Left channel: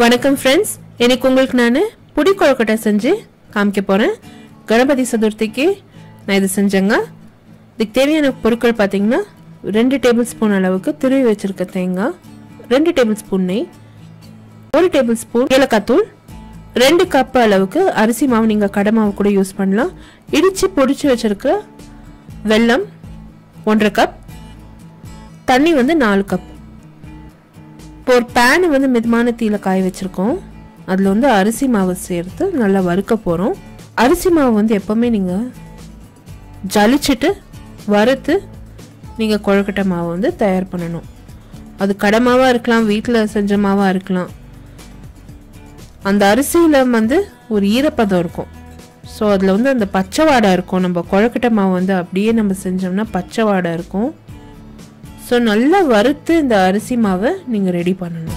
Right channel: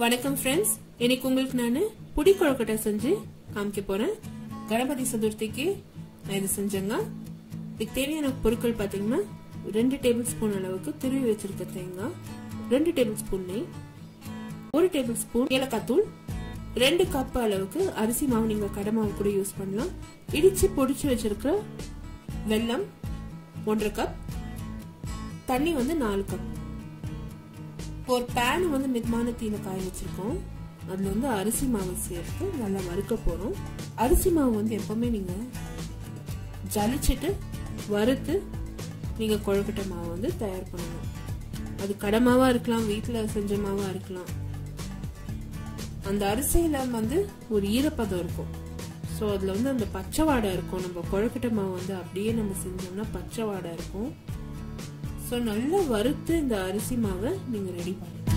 வணக்கம் फ्रेंड्स இன்னைக்கு உங்களுக்கு நான் புடி கொழுக்கட்டை செஞ்சு காமிக்க போறேன். கணபதி சதுர்த்திக்கு நான் இது செஞ்சேங்க. இதுக்கு தேவையான பொருட்கள் பாத்தீங்கன்னா 2 டேபிள் ஸ்பூன் அளவுக்கு துருவி வச்சிருக்க தேங்காய், 2 டேபிள் ஸ்பூன் நெய், 1 டேபிள் ஸ்பூன் ஏலக்காய் தூள், 2 கப் அளவுக்கு அரிசி மாவு, நீங்க கடை மாவு கூட யூஸ் பண்ணலாம். இடிச்சு பொடிச்சு வச்சிருக்க வெல்லம் 1.5 கப், தண்ணி 4 கப். ஒரு பேன் மிதமான தீயில காய வச்சிருக்கோம். அதுல அரிசி மாவு சேர்த்து நல்லா வறுக்க போறோம். அரிசி மாவு எப்பவுமே நீங்க ஜலிச்சிட்டு வறுத்து நீங்க கொழுக்கட்டை மாவு தயார் பண்ணணும். அது கடை மாவா இருக்கலாம், வீட்டுல செஞ்ச மாவா இருக்கலாம். அந்த அரிசியில ஒரு ஈரப்பதம் இருக்கும். ஸோ அதுல அந்த பச்சை வாடை இருக்கும். நம்ம கொழுக்கட்டை மாவு அப்படியே நம்ம செஞ்சோம்னா பச்சை வாடை இருக்கும். ஸோ நல்லா வறுத்து இந்த அரிசி மாவை நீங்கள் ரெடி பண்ணணும்.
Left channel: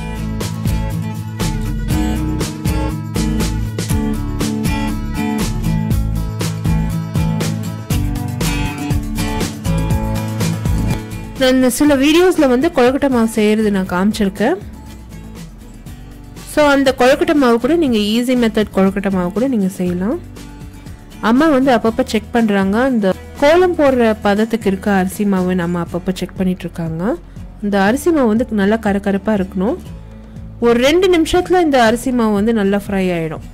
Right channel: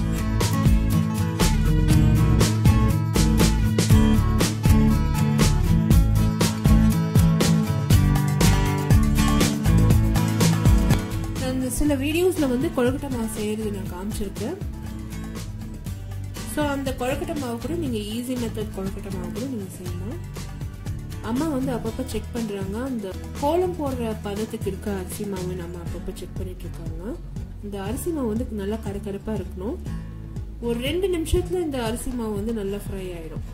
நான் சில வீடியோஸில் கொழுக்கட்டை மாவு செய்கிறது நான் காமிச்சிருக்கேன். ஸோ அந்த கொழுக்கட்டை மாவு கூட நீங்கள் ஈஸி மெத்தட் கொழுக்கட்டை மாவு கூட நீங்கள் செய்யலாம். அம்மா அப்பப்போ செக் பண்ணுறாங்க. அந்த கோலம் போடுற பதத்துக்கு இருக்க அரிசி மாவு நம்ம அப்பப்போ செக் பண்ணிட்டு இருக்காங்க. இந்த அரிசி மாவு நல்லா கரகரப்பாக இருக்கணும். ஒரு 2 நிமிஷத்தில் இந்த அரிசி மாவு நல்லா ஃப்ரை ஆகிடும்.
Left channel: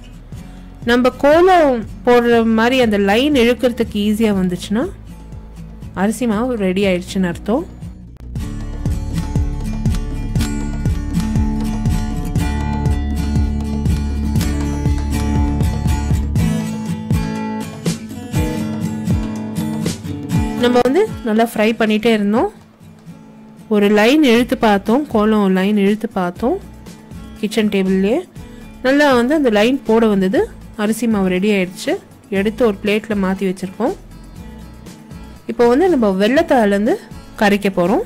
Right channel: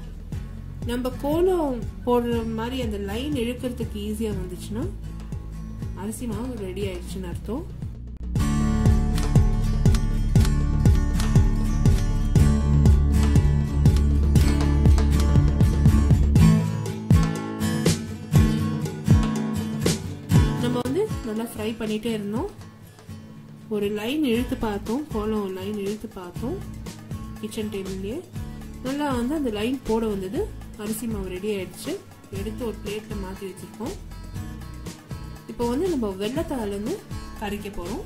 நம்ம கோலம் போடுற மாதிரி அந்த லைன் இழுக்கிறதுக்கு ஈஸியாக வந்துச்சுன்னா அரிசி மாவு ரெடி ஆயிடுச்சுன்னு அர்த்தம். நம்ம நல்லா ஃப்ரை பண்ணிட்டே இருந்தோம். ஒரு லைன் இழுத்து பார்த்தோம், கோலம் லைன் இழுத்து பார்த்தோம். கிச்சன் டேபிள்லேயே நல்லா அந்த லைன் போட வந்தது. அரிசி மாவு ரெடி ஆயிடுச்சு. எடுத்து ஒரு பிளேட்டில் மாற்றி வச்சுருக்கோம். இப்போ நம்ம வெள்ளத்தாலேருந்து கரைக்க போகிறோம்.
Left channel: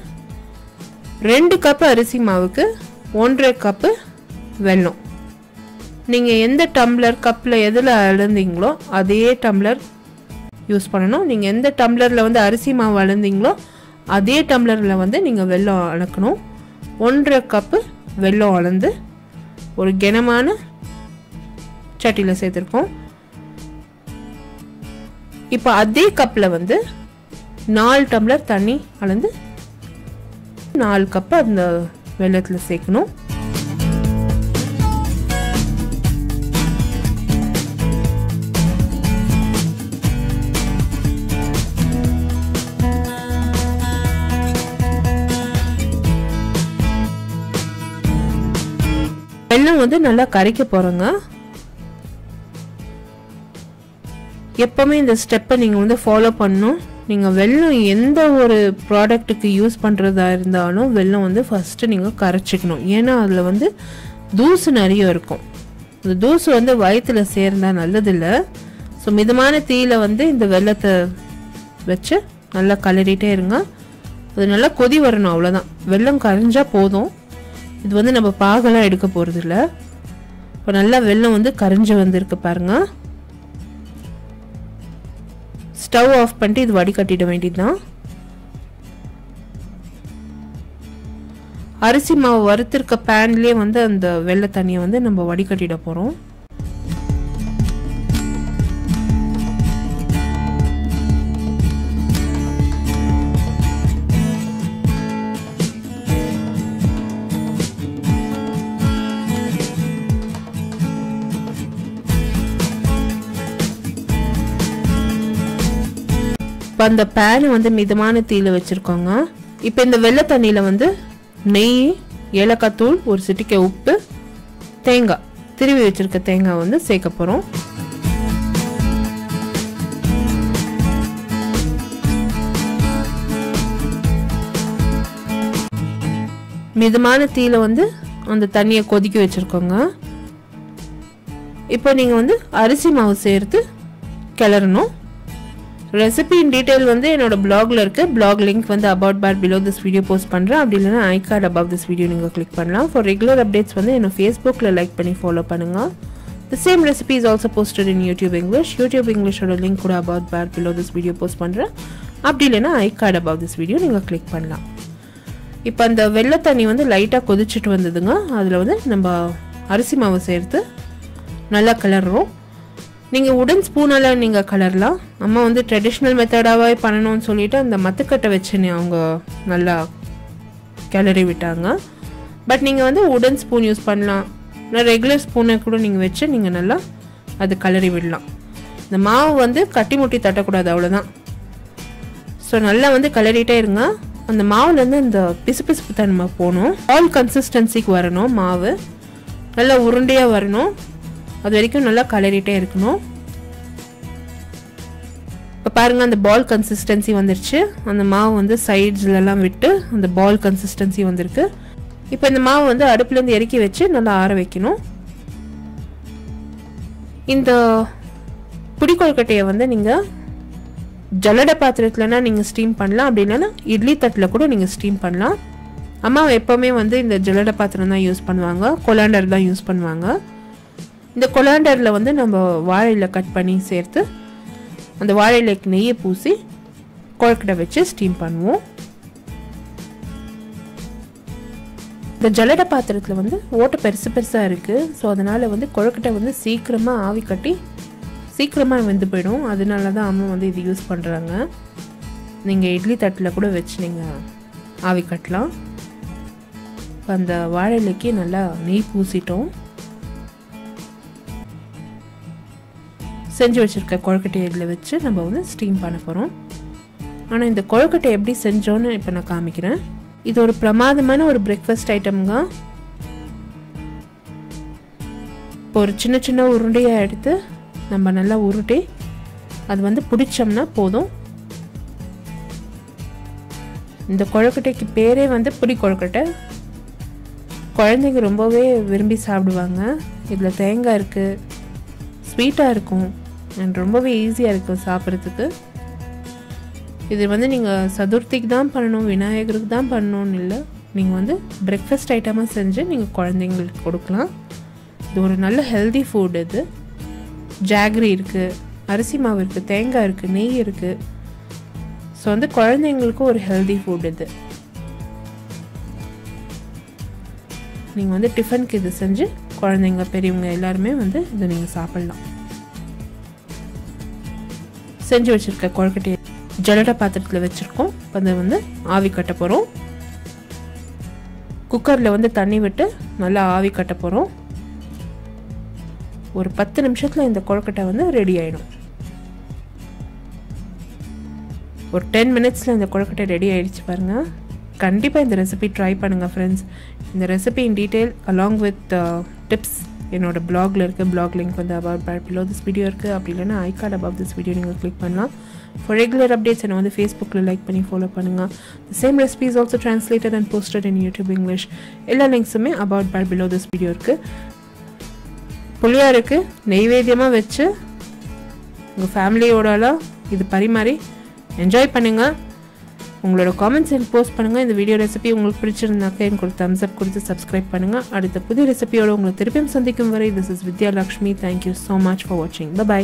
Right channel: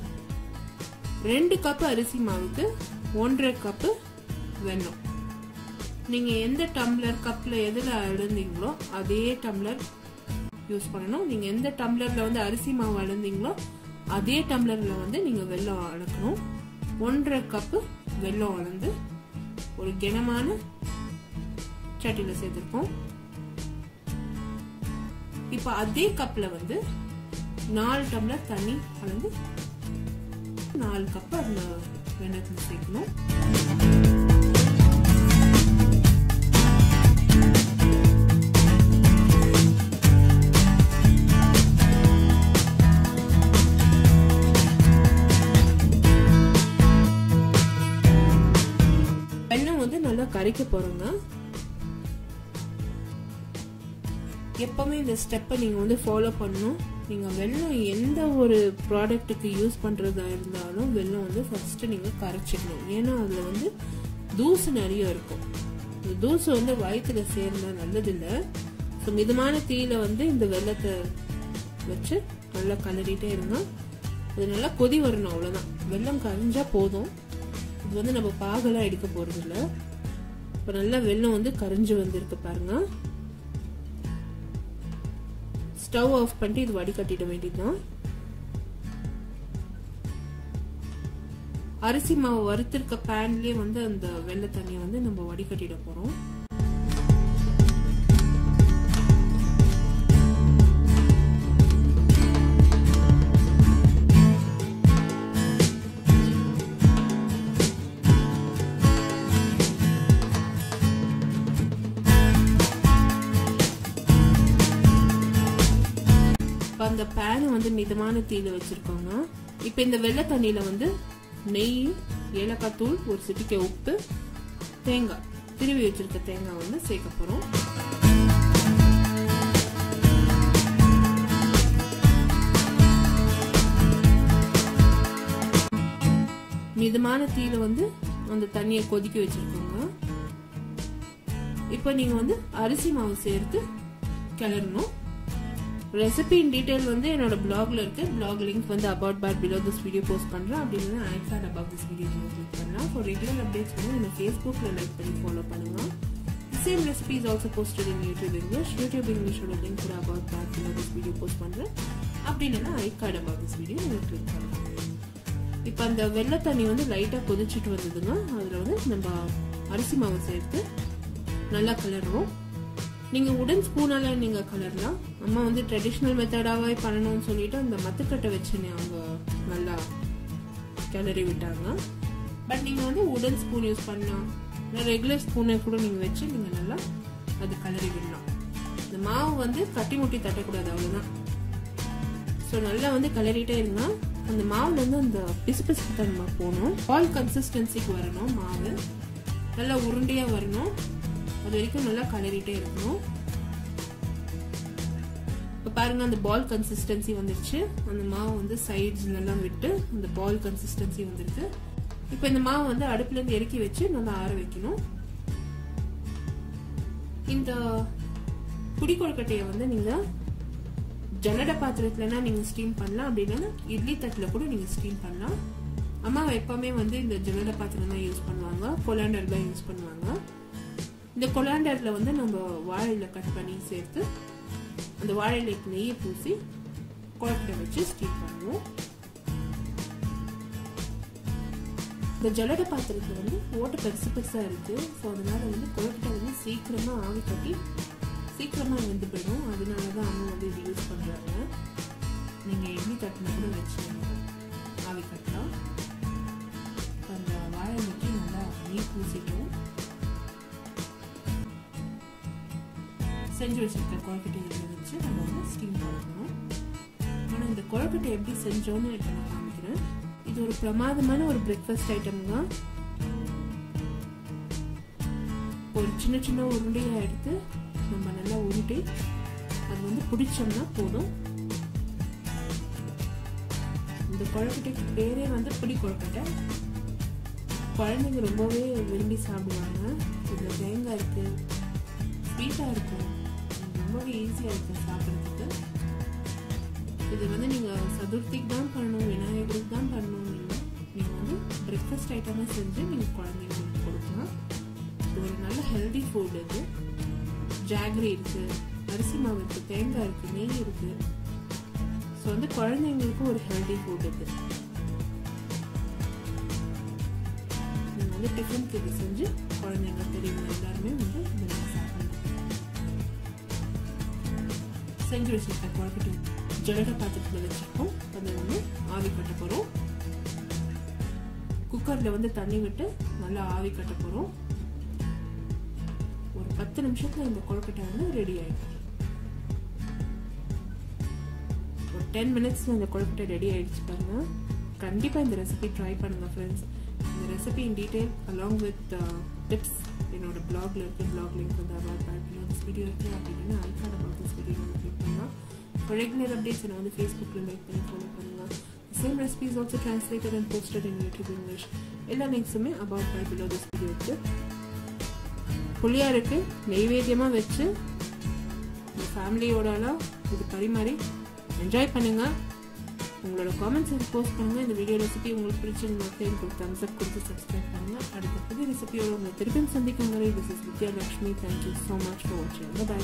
2 கப்பு அரிசி மாவுக்கு 1.5 கப்பு வெல்லம். நீங்கள் எந்த டம்ளர் கப்பில் எதில் அளந்தீங்களோ அதே டம்ளர் யூஸ் பண்ணணும். நீங்கள் எந்த டம்ளரில் அரிசி மாவு அளந்தீங்களோ அதே டம்ளரில் நீங்கள் வெல்லம் அளக்கணும். 1.5 கப்பு வெல்லம் அளந்து ஒரு கனமான சட்டியில் சேர்த்துருக்கோம். இப்போ அதே கப்பில் 4 டம்ளர் தண்ணி அளந்து 4 கப்பு அந்த வெல்லத்தில் சேர்க்கணும். வெல்லம் நல்லா கரைக்க போறோங்க. எப்பவுமே இந்த ஸ்டெப்பை நீங்க ஃபாலோ பண்ணணும். நீங்க வெல்லம் எந்த ஒரு ப்ராடக்ட்டுக்கு யூஸ் பண்றதா இருந்தாலும் வெல்லம் ஃபர்ஸ்ட் நீங்க கரைச்சிக்கணும். ஏன்னா அதுல தூசு நிறைய இருக்கும். இந்த தூசு வயிற்றுல சேர்ந்தா நல்லதில்லை. ஸோ மிதமான தீயில இந்த வெல்லத்தை வச்சு நல்லா கலரிட்டே இருங்க. அது நல்லா கொதி வரணும், அவ்வளோதான். வெல்லம் கரைஞ்சா போதும். இது நம்ம பாகெல்லாம் எடுக்க போகிறது இல்லை. இப்போ நல்லா வெல்லம் கரைஞ்சி வந்திருக்கு பாருங்க. ஸ்டவ் ஆஃப் பண்ணிட்டு இது வடிகட்டிட வேண்டியதுதான். அரிசி மாவு வறுத்திருக்க பேன்லேயே அந்த வெள்ளை தண்ணியை நம்ம வடிகட்டிட போகிறோம். அந்த பேன் மிதமான தீயில வச்சிருக்கோங்க. இப்போ இந்த வெள்ளை தண்ணியில நெய், ஏலக்காய் தூள், ஒரு சிட்டிகை உப்பு, தேங்காய், திருவி வச்சிருக்க தேங்காய் சேர்க்க போறோம். மிதமான தீயில அந்த தண்ணியை கொதிக்க வச்சிருக்கோங்க. இப்போ நீங்க அரிசி மாவு சேர்த்து கிளறணும். ரெசிபி இன் டீடைல் என்னோட பிளாக்ல இருக்கு. Blog link about bar below this video post பண்றேன். அப்படி இல்லைன்னா ஐ கார்டு அபவ் திஸ் வீடியோ நீங்க கிளிக் பண்ணலாம். ஃபார் ரெகுலர் அப்டேட்ஸ் என்னோட ஃபேஸ்புக்ல லைக் பண்ணி ஃபாலோ பண்ணுங்க. The same recipe is also posted in YouTube English. YouTube English ஓட லிங்க் கூட about bar below this video post பண்றேன். அப்படி இல்லைன்னா ஐ கார்டு அபவ் திஸ் வீடியோ நீங்க கிளிக் பண்ணலாம். இப்போ அந்த வெள்ளை தண்ணி லைட்டாக கொதிச்சுட்டு வந்ததுங்க. அதில் நம்ம அரிசி மாவு சேர்த்து நல்லா கிளறுறோம். நீங்கள் உடன் ஸ்பூனால் நீங்கள் கலரலாம். அம்மா வந்து ட்ரெடிஷ்னல் மெத்தடாகவே பண்ணணும்னு சொல்லிவிட்டு அந்த மத்துக்கட்டை வச்சு அவங்க நல்லா கிளறி விட்டாங்க. பட் நீங்கள் வந்து உடன் ஸ்பூன் யூஸ் பண்ணலாம், இல்லை ரெகுலர் ஸ்பூனை கூட நீங்கள் வச்சு நீங்கள் நல்லா அது கிளறி விடலாம். இந்த மாவு வந்து கட்டி முட்டி தட்டக்கூடாது, அவ்வளோதான். ஸோ நல்லா வந்து கிளறிட்டே இருங்க. அந்த மாவுலேருந்து இந்த பிசுபிசுப்பு தன்மை போகணும், பால் கன்சிஸ்டன்சிக்கு வரணும், மாவு நல்லா உருண்டையாக வரணும். அது வரைக்கும் நல்லா கிளறிட்டே இருக்கணும். இப்போ பாருங்கள், அந்த பால் கன்சிஸ்டன்சி வந்துருச்சு. அந்த மாவு வந்து சைட்ஸ்லலாம் விட்டு அந்த பால் கன்சிஸ்டன்சி வந்திருக்கு. இப்போ இந்த மாவு வந்து அடுப்புலேருந்து இறக்கி வச்சு நல்லா ஆற வைக்கணும். இந்த புடி கொழுக்கட்டையை வந்து நீங்கள் ஜல்லடை பாத்திரத்துலனா நீங்கள் ஸ்டீம் பண்ணலாம், அப்படி இல்லைன்னா இட்லி தட்டில் கூட நீங்கள் ஸ்டீம் பண்ணலாம். அம்மா எப்போவுமே வந்து இந்த ஜல்லடை பாத்திரம் தான் யூஸ் பண்ணுவாங்க, கொலாண்டர் தான் யூஸ் பண்ணுவாங்க. இந்த கொலாண்டரில் வந்து நம்ம வாழையில கட் பண்ணி சேர்த்து அந்த வாழையிலைக்கு நெய்யை பூசி கொழுக்கட்டை வச்சு ஸ்டீம் பண்ணுவோம். இந்த ஜல்லடை பாத்திரத்தில் வந்து ஓட்டை பெருசு பெருசாக இருக்குது. ஸோ அதனால் வந்து கொழுக்கட்டை வந்து சீக்கிரமாக ஆவி கட்டி சீக்கிரமாக வெந்து போயிடும். அதனால தான் அம்மா வந்து இது யூஸ் பண்ணுறாங்க. நீங்கள் இட்லி தட்டில் கூட வச்சு நீங்கள் ஆவி கட்டலாம். இப்போ அந்த வாழையிலைக்கு நல்லா நெய் பூசிட்டோம். செஞ்சு வச்சுருக்க கொழுக்கட்டையை இதில் வச்சு நம்ம வந்து ஸ்டீம் பண்ண போகிறோம். ஆனால் இந்த கொழுக்கட்டை எப்படி செஞ்சோன்னு இப்போ நான் காமிக்கிறேன். இது ஒரு பிரமாதமான ஒரு பிரேக்ஃபாஸ்ட் ஐட்டம்ங்க. இப்போ ஒரு சின்ன சின்ன உருண்டையாக எடுத்து நம்ம நல்லா உருட்டி அது வந்து பிடிச்சோம்னா போதும். இந்த கொழுக்கட்டைக்கு பேரே வந்து புடி கொழுக்கட்டை. குழந்தைங்க ரொம்பவே விரும்பி சாப்பிடுவாங்க. இதில் தேங்காய் இருக்குது, ஸ்வீட்டாக இருக்கும், அண்ட் ரொம்பவே ஈஸியாக இருக்கும் சாப்பிட்றதுக்கு. இது வந்து நீங்கள் சதுர்த்திக்கு தான் பண்ணணும், விநாயகருக்கு தான் பண்ணணும்னு இல்லை. நீங்கள் வந்து பிரேக்ஃபாஸ்ட் ஐட்டமாக செஞ்சு நீங்கள் குழந்தைங்களுக்கு கொடுக்கலாம். இது ஒரு நல்ல ஹெல்தி ஃபுட். இது ஜாகரி இருக்குது, அரிசி மாவு இருக்குது, தேங்காய் இருக்குது, நெய் இருக்குது. ஸோ வந்து குழந்தைங்களுக்கும் ஒரு ஹெல்தி ஃபுட் இது. நீங்கள் வந்து டிஃபனுக்கு இது செஞ்சு குழந்தைங்க பெரியவங்க எல்லாருமே வந்து இதை நீங்கள் சாப்பிட்லாம். செஞ்சு வச்சுருக்க கொழுக்கட்டையை ஜல்லடை பாத்திரத்தில் வச்சுருக்கோம். அதை வந்து ஆவி கட்ட போகிறோம். குக்கரில் வந்து தண்ணி விட்டு நல்லா ஆவி கட்ட போகிறோம். ஒரு 10 நிமிஷத்தில் இந்த கொழுக்கட்டை வந்து ரெடி ஆகிடும். ஒரு 10 மினிட்ஸில் இந்த கொழுக்கட்டை ரெடி ஆகிடுச்சு பாருங்கள். கண்டிப்பாக இந்த ரெசிபி ட்ரை பண்ணுங்கள் ஃப்ரெண்ட்ஸ். இந்த ரெசிபி இன் டீட்டெயில் அலாங் வித் டிப்ஸ் என்னோடய பிளாகில் இருக்குது. பிளாக் லிங்க் வந்து about by below this video இருக்குது. அப்படி இல்லைன்னா ஐ கார்டு அபவ் திஸ் வீடியோ நீங்கள் கிளிக் பண்ணலாம். ஃபார் ரெகுலர் அப்டேட்ஸ் என்னை வந்து ஃபேஸ்புக்கில் லைக் பண்ணி ஃபாலோ பண்ணுங்கள். The same recipe is also translated and posted in YouTube English. எல்லா லிங்க்ஸுமே about by below this video இருக்குது. புளியாருக்கு நெய்வேத்தியமாக வச்சு உங்கள் ஃபேமிலியோடலாம் இது பரிமாறி என்ஜாய் பண்ணுங்கள். உங்களோட காமெண்ட்ஸ் எனக்கு போஸ்ட் பண்ணுங்கள். இந்த வீடியோ ரெசிபி உங்களுக்கு பிடிச்சிருந்தாக்க எனக்கு ஒரு தம்ஸ் அப் கொடுத்து சப்ஸ்கிரைப் பண்ணுங்கள். அடுத்த புதிய ரெசிபியோட உங்களை திருப்பியும் சந்திக்கும் வரை this is Vidya Lakshmi. Thank you so much for வாட்சிங். பை.